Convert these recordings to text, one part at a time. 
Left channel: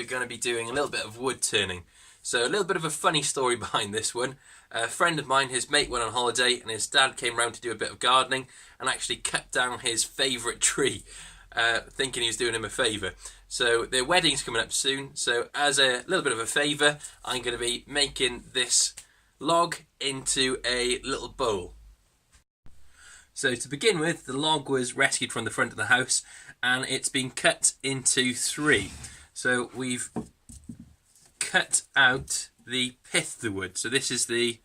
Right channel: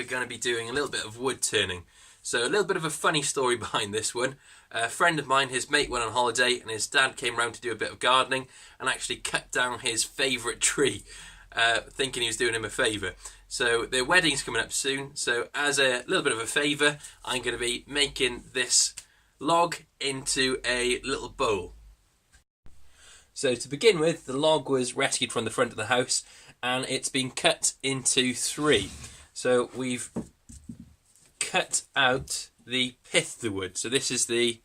we're going to be doing a little bit of wood turning. So a little bit of a funny story behind this one. A friend of mine, his mate went on holiday and his dad came round to do a bit of gardening and actually cut down his favourite tree, thinking he was doing him a favour. So their wedding's coming up soon, so as a little bit of a favour, I'm going to be making this log into a little bowl. So to begin with, the log was rescued from the front of the house and it's been cut into 3. So we've cut out the pith of the wood. So this is the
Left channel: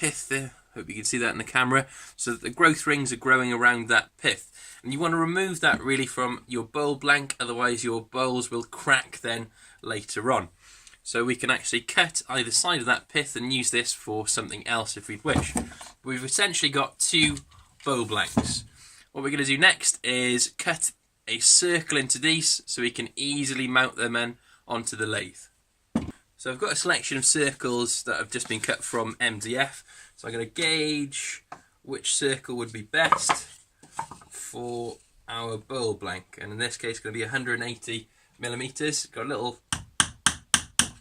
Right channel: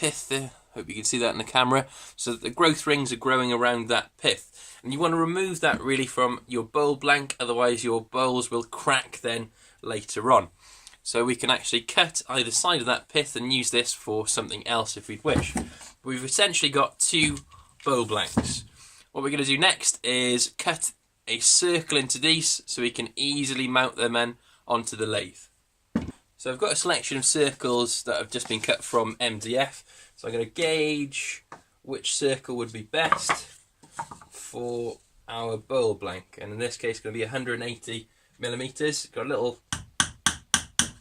pith there. Hope you can see that in the camera. So the growth rings are growing around that pith. And you want to remove that really from your bowl blank, otherwise your bowls will crack then later on. So we can actually cut either side of that pith and use this for something else if we wish. We've essentially got 2 bowl blanks. What we're going to do next is cut a circle into these so we can easily mount them in onto the lathe. So I've got a selection of circles that have just been cut from MDF. So I'm going to gauge which circle would be best for our bowl blank. And in this case, it's going to be 180 millimeters. Got a little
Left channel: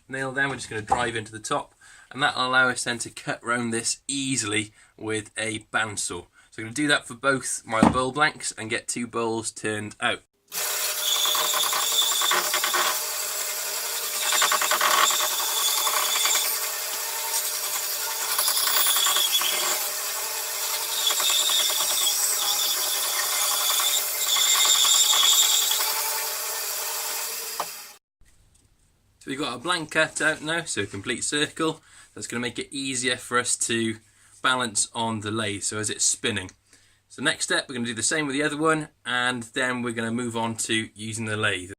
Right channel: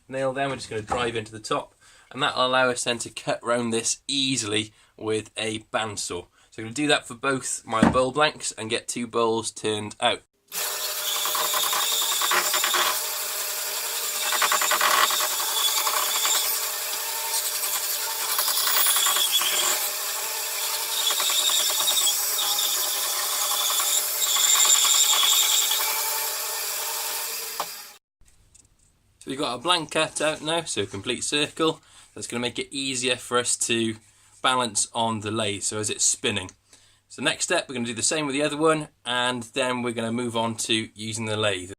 nail there. We're just going to drive into the top. And that will allow us then to cut around this easily with a bandsaw. So I'm going to do that for both my bowl blanks and get 2 bowls turned out. So we've got our blank cut out now, so a complete circle. That's going to make it easier for us to balance on the lathe, so as it's spinning. So next step, we're going to do the same with the other one, and then we're going to move on to using the lathe.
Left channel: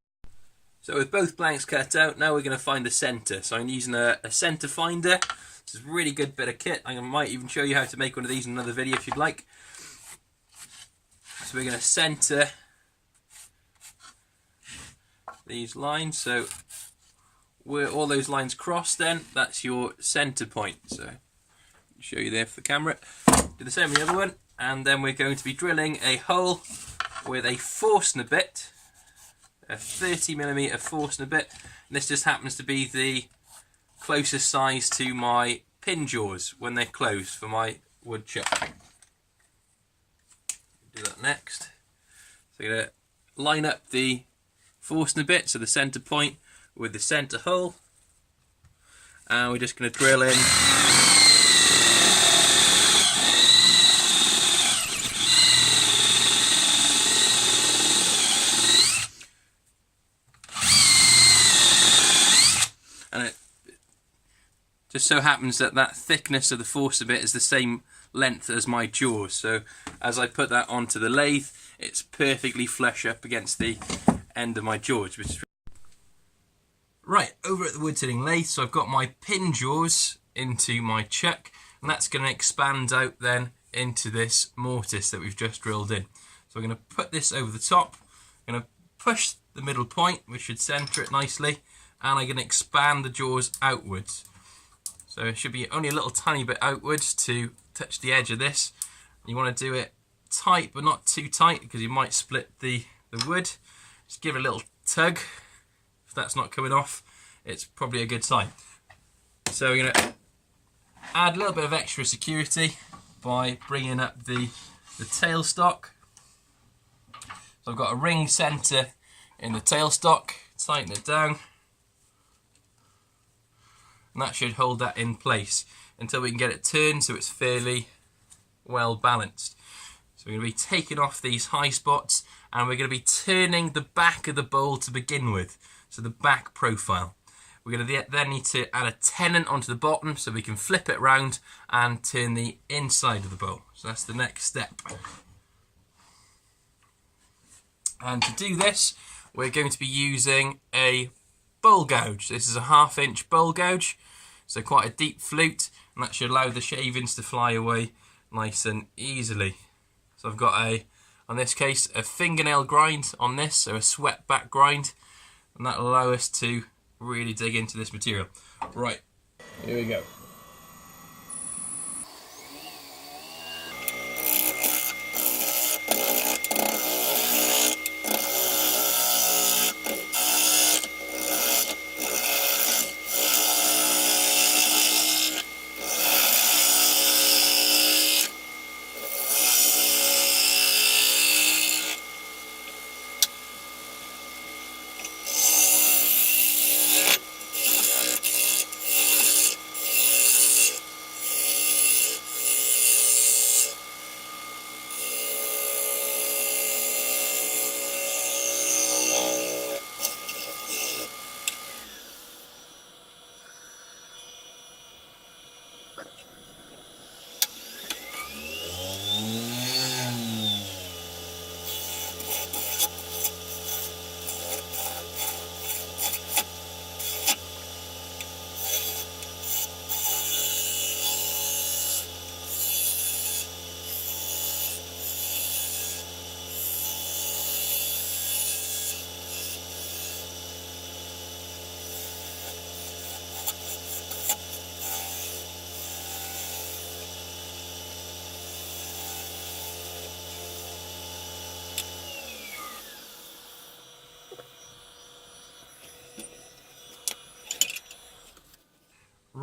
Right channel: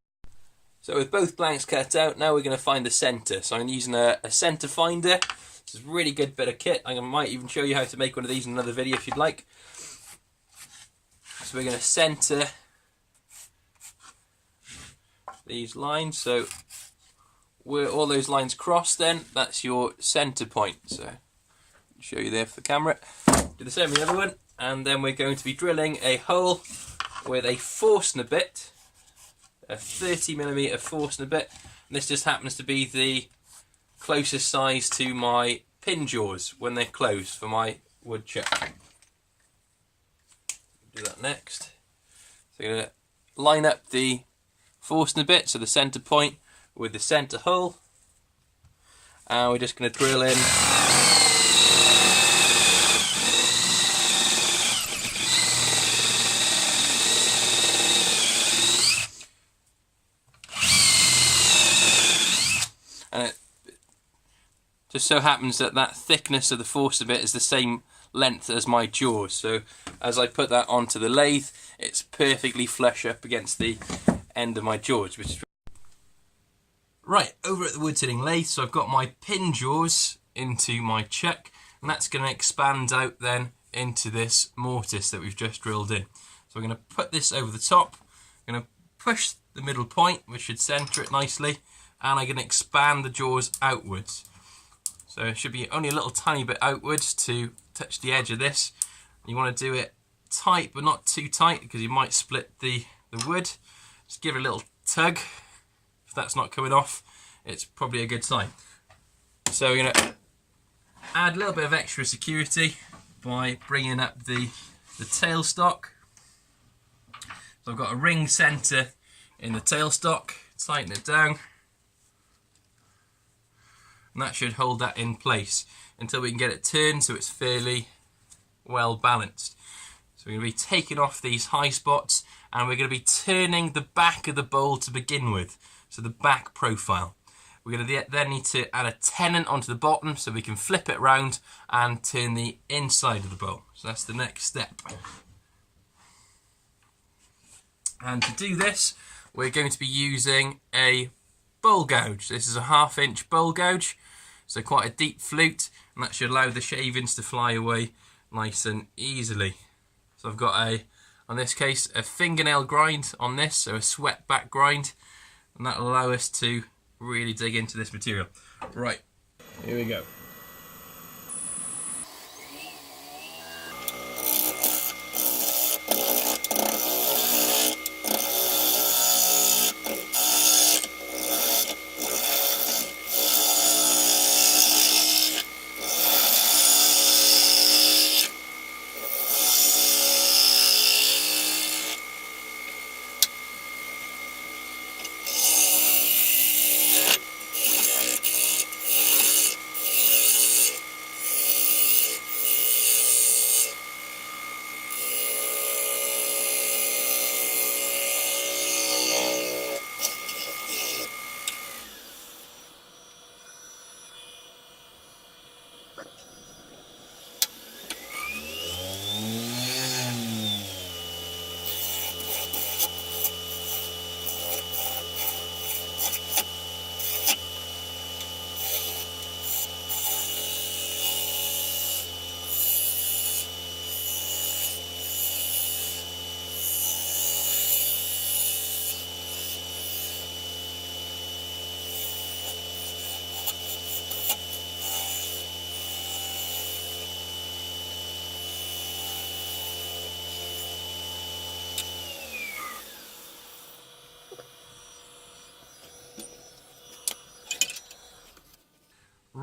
So with both blanks cut out, now we're going to find the centre. So I'm using a centre finder. This is a really good bit of kit. I might even show you how to make one of these in another video if you'd like. So we're going to centre these lines. So where all those lines cross, then that's your centre point. So I'll show you there for the camera. Do the same with the other one, and then we're going to be drilling a hole with a Forstner bit, a 30mm Forstner bit. And this just happens to be the closest size to my pin jaws when they're closed for my wood chuck. Do that next. So you're going to line up the Forstner bit, so the centre point, with the centre hole, and we're just going to drill in and it just so happens that that thickness of the Forstner bit is the same length as my jaws, so as I put that onto the lathe it's perfectly flush up against the end of my jaws, which is right. Over at the woodturning lathe, so I've got my pin jaws into my chuck, and that's going to expand out then into this mortise that we've just drilled in. So we're going to put this over the top, I'm going to push the middle point, which should centre it nicely, and I'm going to expand the jaws outwards. So it should be only a little tiny bit outwards to touch the edge of this. You want to do it tight, but not too tight, because you might split the wood. Just give it a little tug. If that's not coming off, it's probably a good sign. So we're going to add a little bit of extra security by bringing up the tailstock. So I've got a ring centre in the tailstock, tighten it down, and that should hold that in place until we can get it turned so it's fairly well balanced. So we're going to be taking off these high spots, and we're going to be turning the back of the bowl to begin with. So the back profile. We're going to then need to add a tenon onto the bottom so we can flip it around and turn the inside of the bowl. So that's the next step. And to do this, we're going to be using a bowl gouge. This is a 1/2 inch bowl gouge, so quite a deep flute, and that should allow the shavings to fly away nice and easily. So I've got on this case, a fingernail grind on this, so a swept back grind. And that'll allow us to really dig into this material. Right, here we go.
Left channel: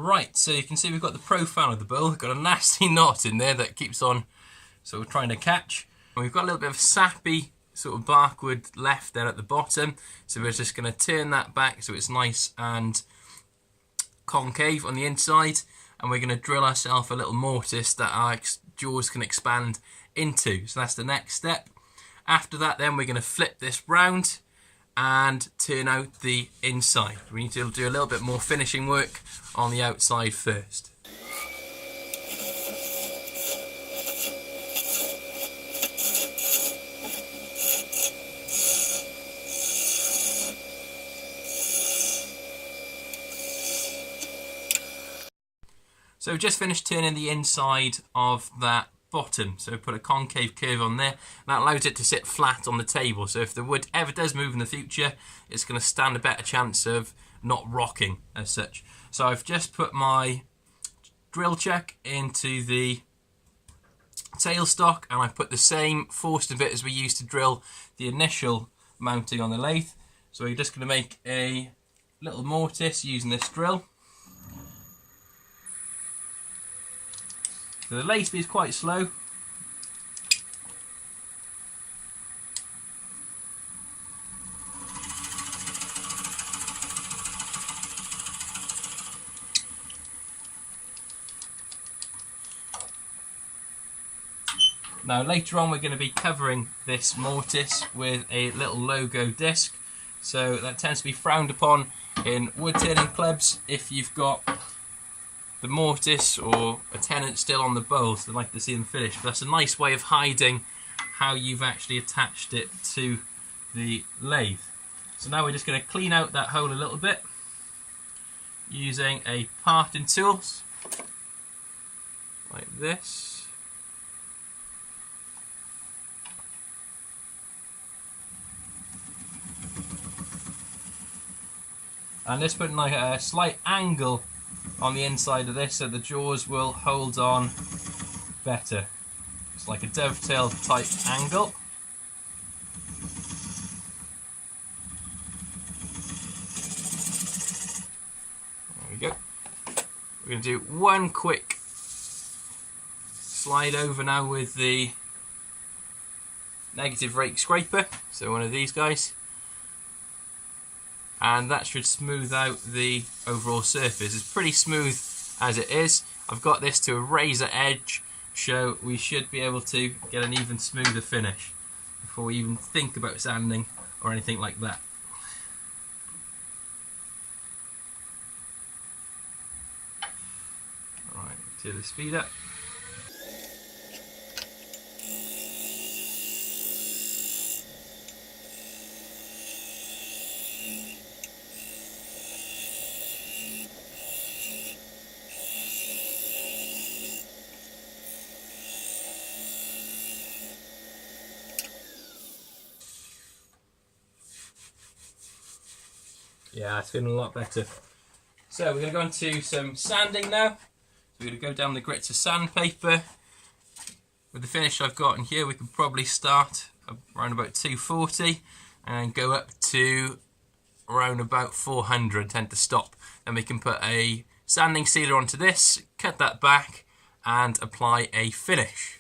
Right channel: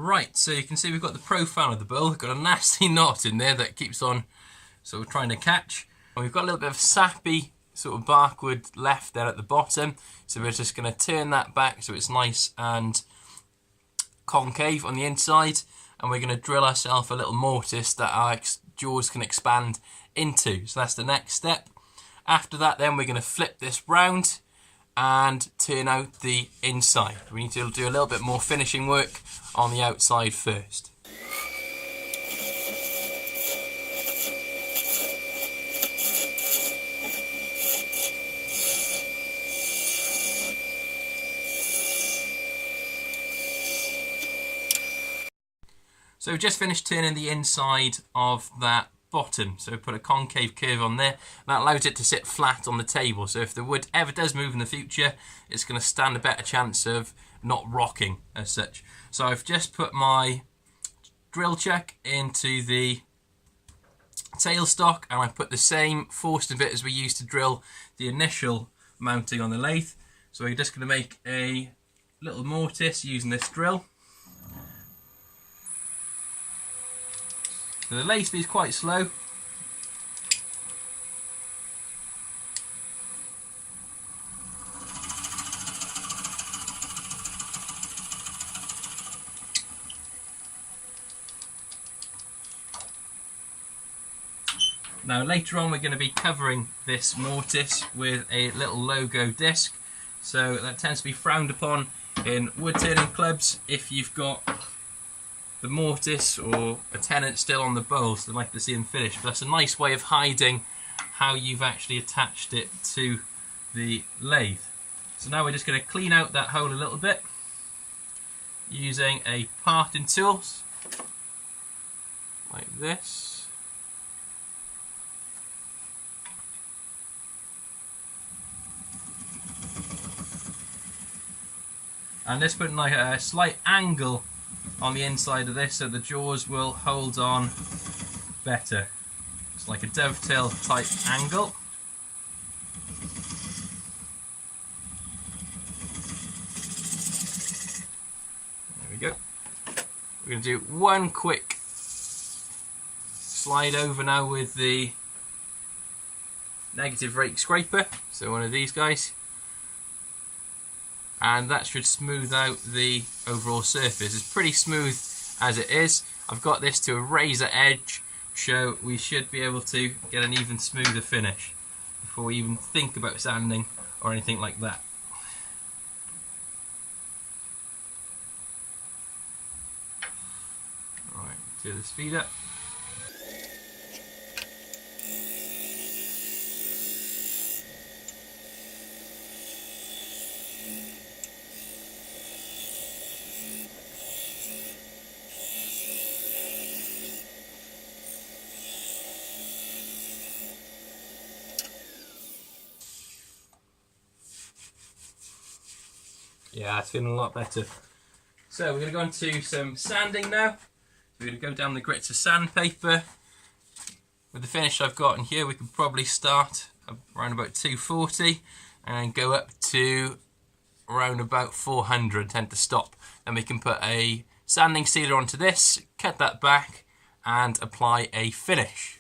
Right, so you can see we've got the profile of the bull. We've got a nasty knot in there that keeps on sort of trying to catch. And we've got a little bit of sappy sort of barkwood left there at the bottom. So we're just going to turn that back so it's nice and concave on the inside. And we're going to drill ourselves a little mortise that our jaws can expand into. So that's the next step. After that then we're going to flip this round and turn out the inside. We need to do a little bit more finishing work on the outside first. So we've just finished turning the inside of that bottom, so put a concave curve on there. That allows it to sit flat on the table, so if the wood ever does move in the future, it's going to stand a better chance of not rocking as such. So I've just put my drill chuck into the tailstock, and I put the same Forstner bit as we used to drill the initial mounting on the lathe. So we're just going to make a little mortise using this drill. So the lathe speed is quite slow. Now later on we're going to be covering this mortise with a little logo disc. So that tends to be frowned upon in wood turning clubs if you've got the mortise or a tenant still on the bowls. They like to see them finished, but that's a nice way of hiding how you've actually attached it to the lathe. So now we're just going to clean out that hole a little bit using a parting tool like this. And just putting like a slight angle on the inside of this so the jaws will hold on better. It's like a dovetail type angle. There we go. We're going to do one quick slide over now with the negative rake scraper, so one of these guys. And that should smooth out the overall surface. It's pretty smooth as it is. I've got this to a razor edge, so we should be able to get an even smoother finish before we even think about sanding or anything like that. Alright, turn the speed up. Yeah, it's feeling a lot better. So we're going to go on to some sanding now. We're going to go down the grits of sandpaper. With the finish I've got in here, we could probably start around about 240 and go up to around about 400, tend to stop. Then we can put a sanding sealer onto this, cut that back and apply a finish.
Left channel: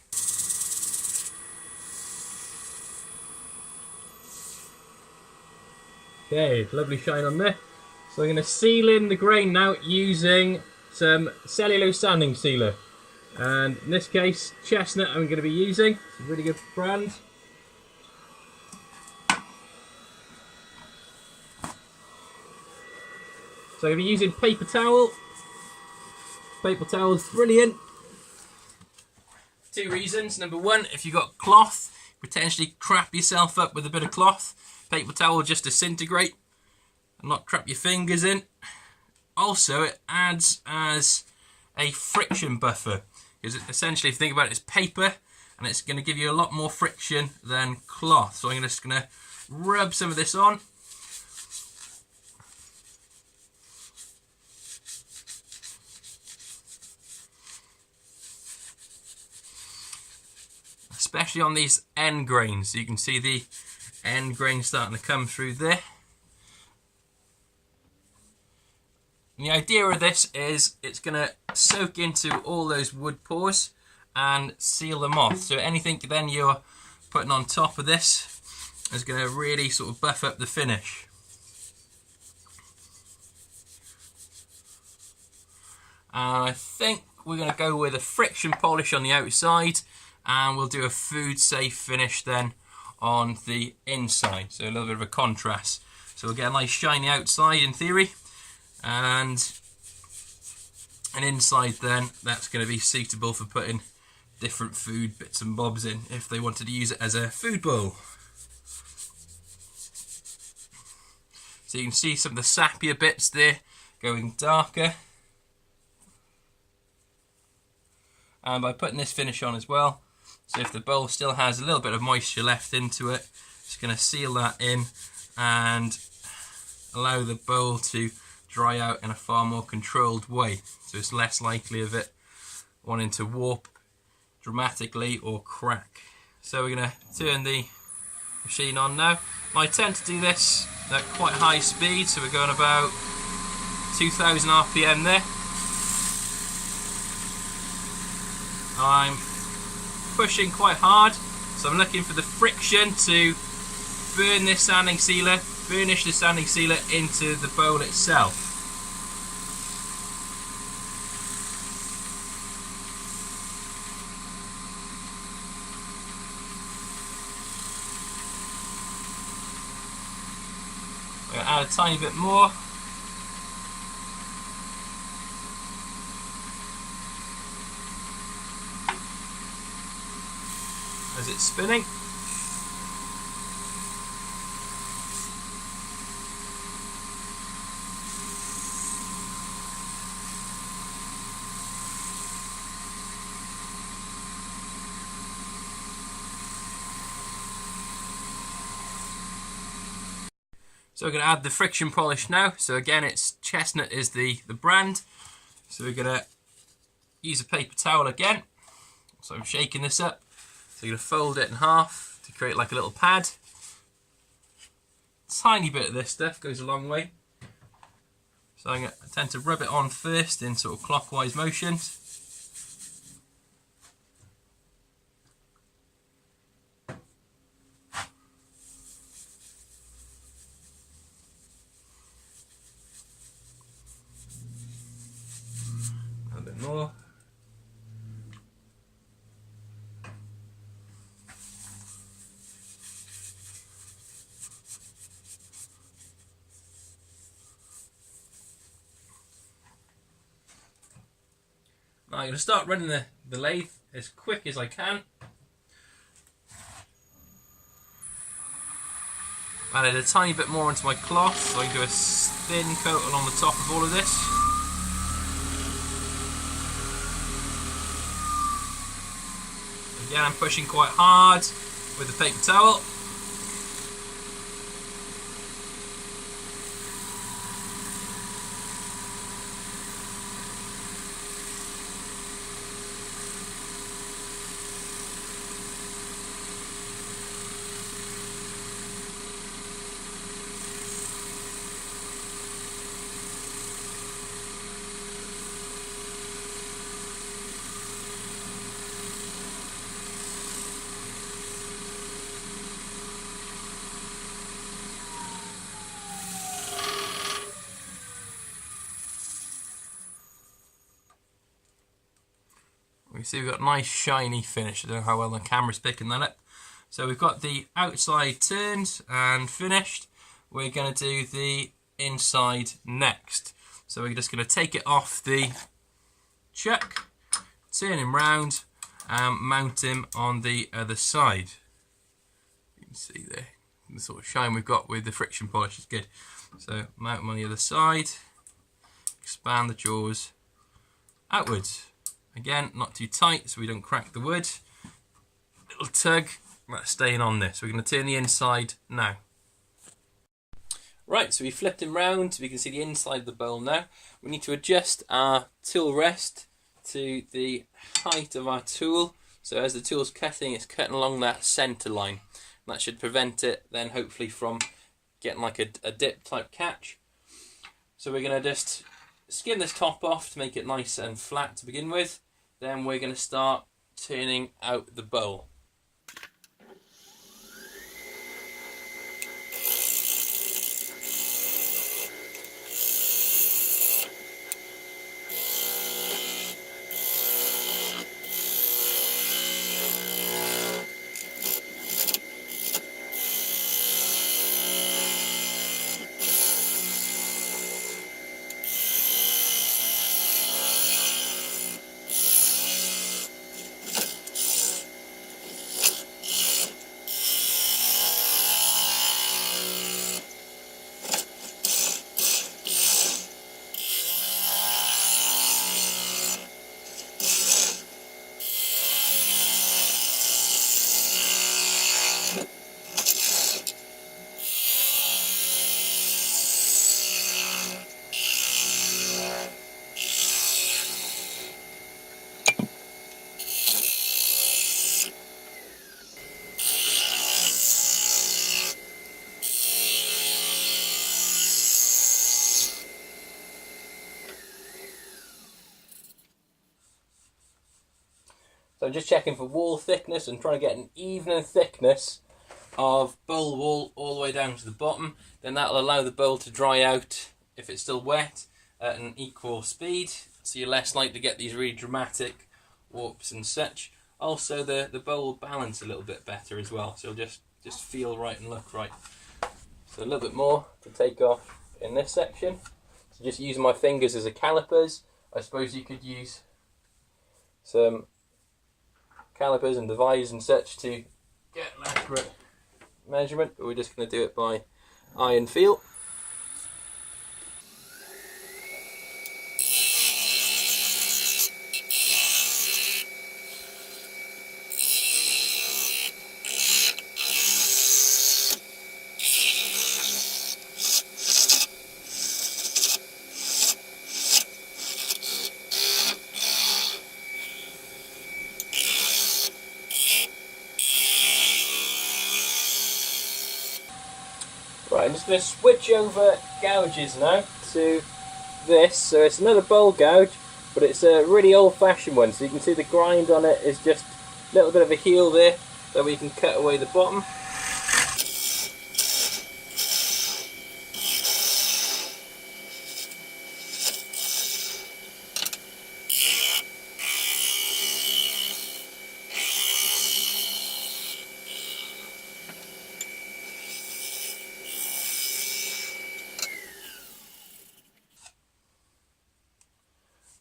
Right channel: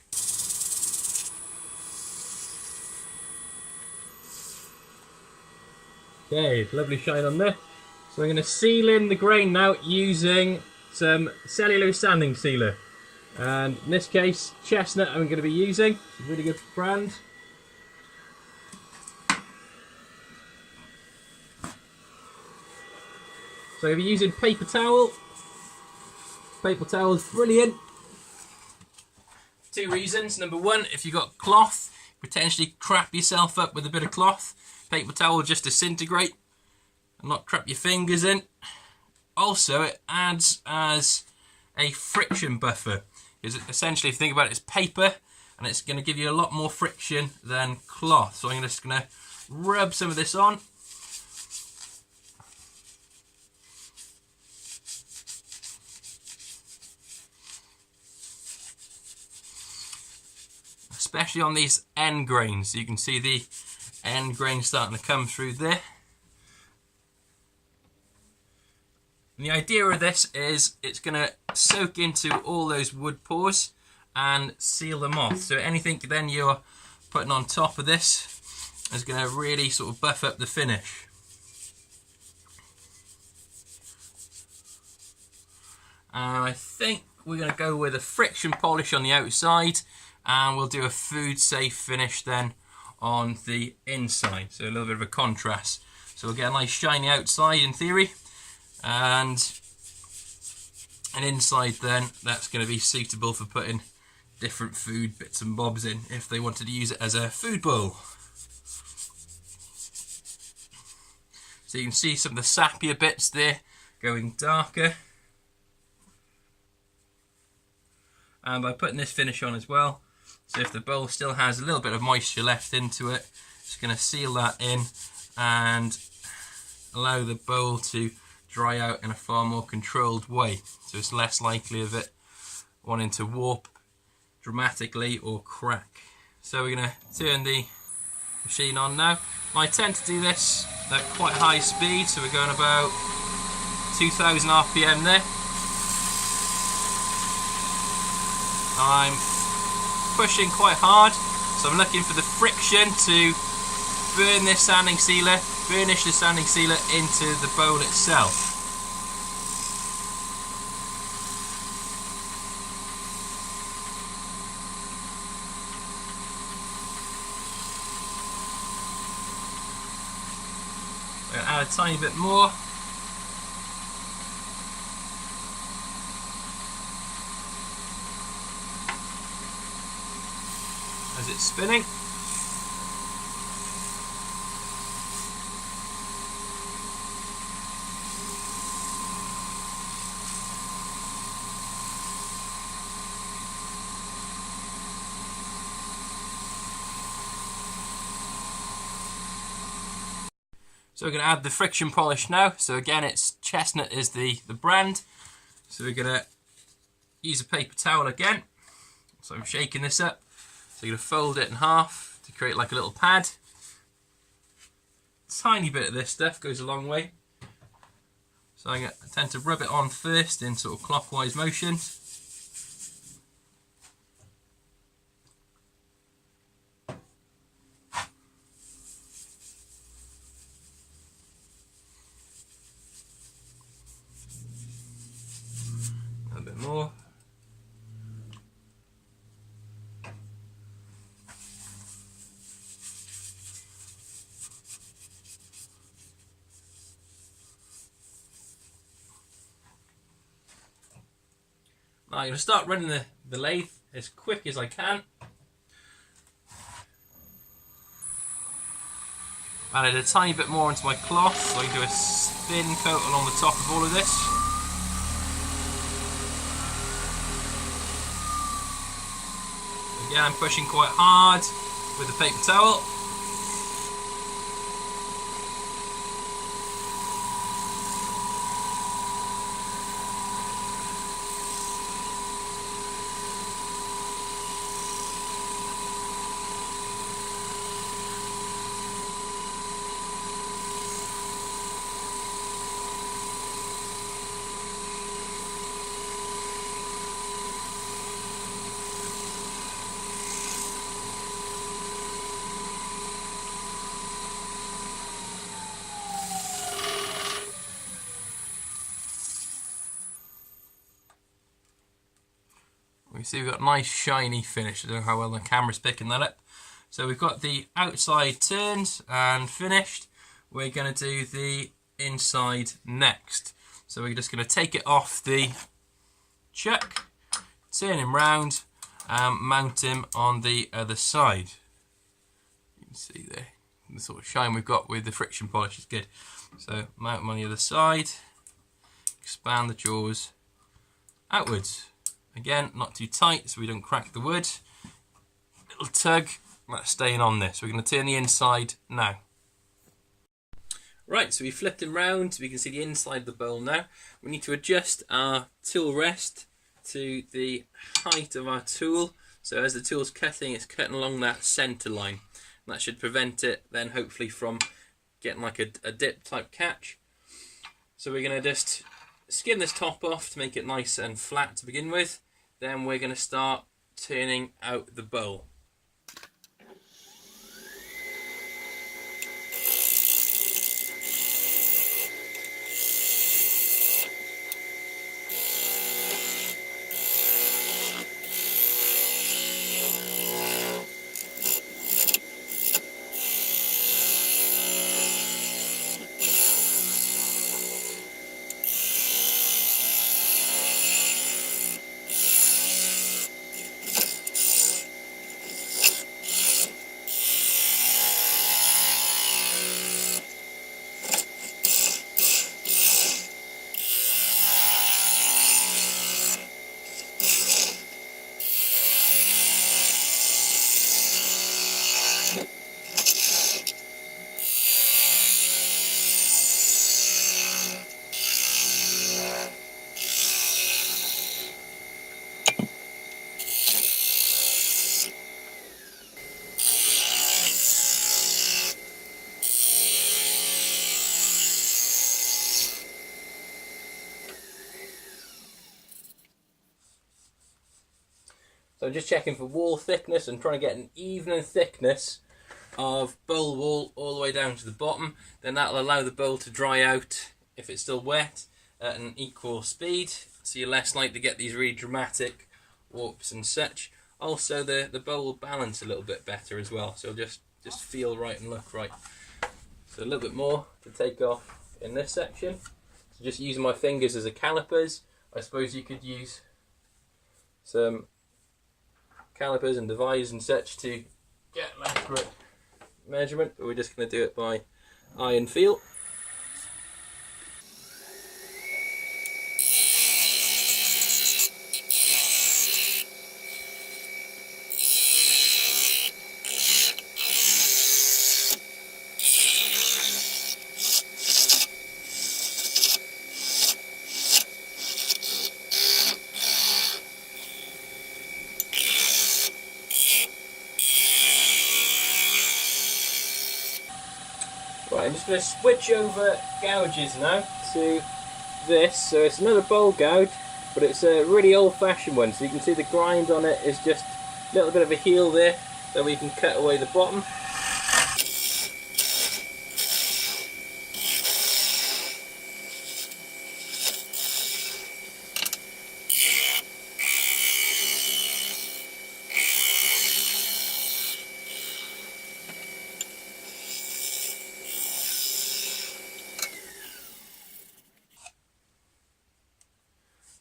Okay, lovely shine on there. So I'm going to seal in the grain now using some cellulose sanding sealer. And in this case, Chestnut I'm going to be using. It's a really good brand. So I'm going to be using paper towel. Paper towel is brilliant. Two reasons. Number one, if you've got cloth, potentially crap yourself up with a bit of cloth. Paper towel will just disintegrate and not trap your fingers in. Also, it adds as a friction buffer. Because essentially, if you think about it, it's paper and it's going to give you a lot more friction than cloth. So I'm just going to rub some of this on. Especially on these end grains. You can see the end grain starting to come through there. And the idea of this is it's going to soak into all those wood pores and seal them off. So anything then you're putting on top of this is going to really sort of buff up the finish. And I think we're going to go with a friction polish on the outside, and we'll do a food safe finish then on the inside. So a little bit of a contrast. So we'll get a nice shiny outside in theory, and an inside then that's going to be suitable for putting different food bits and bobs in if they wanted to use it as a food bowl. So you can see some of the sappier bits there going darker. And by putting this finish on as well, so if the bowl still has a little bit of moisture left into it, it's going to seal that in and allow the bowl to dry out in a far more controlled way. So it's less likely of it wanting to warp dramatically or crack. So we're going to turn the machine on now. I tend to do this at quite high speed, so we're going about 2000 RPM there. I'm pushing quite hard, so I'm looking for the friction to burn this sanding sealer, burnish the sanding sealer into the bowl itself. I'm going to add a tiny bit more. As it's spinning. So we're going to add the friction polish now. So again, it's Chestnut is the brand. So we're going to use a paper towel again. So I'm shaking this up. So you're going to fold it in half to create like a little pad. Tiny bit of this stuff goes a long way. So I tend to rub it on first in sort of clockwise motions. A bit more. Now I'm going to start running the lathe as quick as I can. Added a tiny bit more into my cloth, so I can do a thin coat along the top of all of this. Again, I'm pushing quite hard with the paper towel. We see we've got a nice shiny finish. I don't know how well the camera's picking that up. So we've got the outside turned and finished. We're going to do the inside next. So we're just going to take it off the chuck, turn him round and mount him on the other side. You can see there the sort of shine we've got with the friction polish is good. So mount him on the other side, expand the jaws outwards. Again, not too tight so we don't crack the wood. Little tug, that's staying on this. We're going to turn the inside now. Right, so we flipped him round. We can see the inside of the bowl now. We need to adjust our tool rest to the height of our tool. So as the tool's cutting, it's cutting along that centre line. And that should prevent it then hopefully from getting like a dip type catch. So we're going to just skim this top off to make it nice and flat to begin with. Then we're going to start turning out the bowl. So I'm just checking for wall thickness and trying to get an even thickness of bowl wall all the way down to the bottom. Then that'll allow the bowl to dry out, if it's still wet, at an equal speed, so you're less likely to get these really dramatic warps and such. Also the bowl will balance a little bit better as well, so it'll just feel right and look right. So a little bit more to take off in this section. So just using my fingers as a calipers. I suppose you could use some calipers and dividers and such to get an accurate measurement, but we're just going to do it by eye and feel. Right, I'm just going to switch over gouges now to this. So it's another bowl gouge, but it's a really old-fashioned one. So you can see the grind on it is just a little bit of a heel there, so we can cut away the bottom.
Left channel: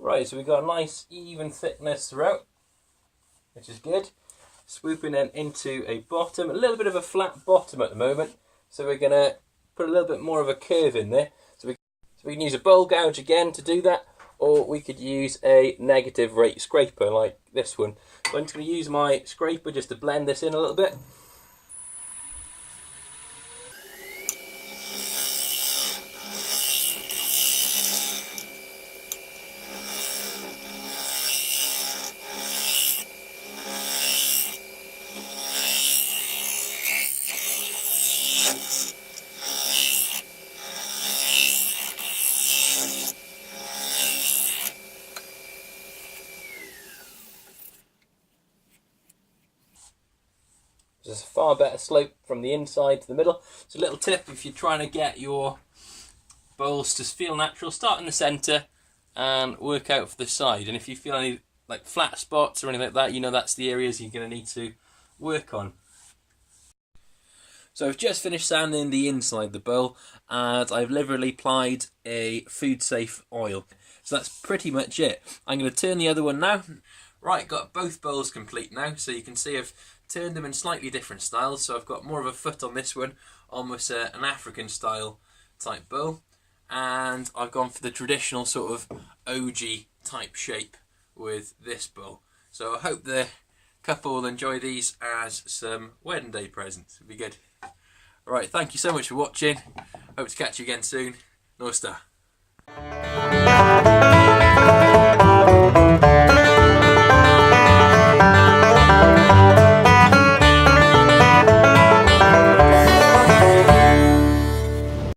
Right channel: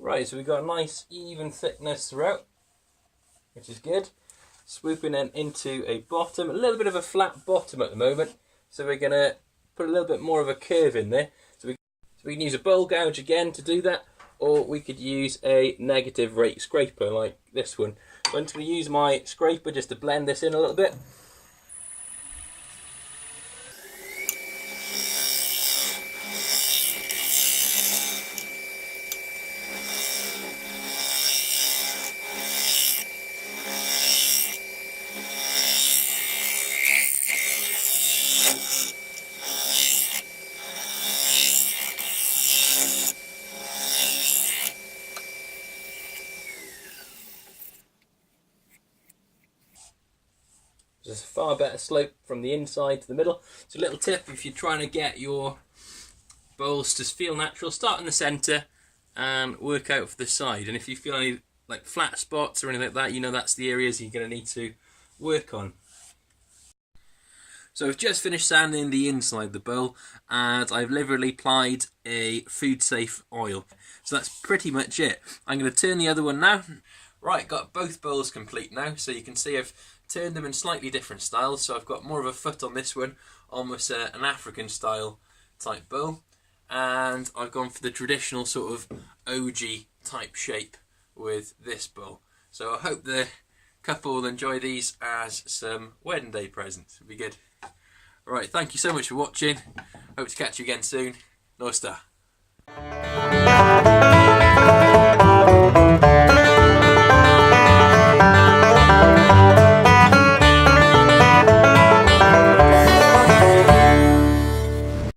Right, so we've got a nice even thickness throughout, which is good. Swooping then into a bottom, a little bit of a flat bottom at the moment, so we're going to put a little bit more of a curve in there. So we can use a bowl gouge again to do that, or we could use a negative rate scraper like this one. So I'm just going to use my scraper just to blend this in a little bit. There's a far better slope from the inside to the middle. So a little tip, if you're trying to get your bowls to feel natural, start in the centre and work out for the side. And if you feel any like flat spots or anything like that, you know that's the areas you're going to need to work on. So I've just finished sanding the inside of the bowl, and I've liberally applied a food safe oil. So that's pretty much it. I'm going to turn the other one now. Right, got both bowls complete now, so you can see I've turned them in slightly different styles. So I've got more of a foot on this one, almost an African style type bowl, and I've gone for the traditional sort of OG type shape with this bowl. So I hope the couple will enjoy these as some wedding day presents. It'll be good. Right, thank you so much for watching. Hope to catch you again soon. North Star.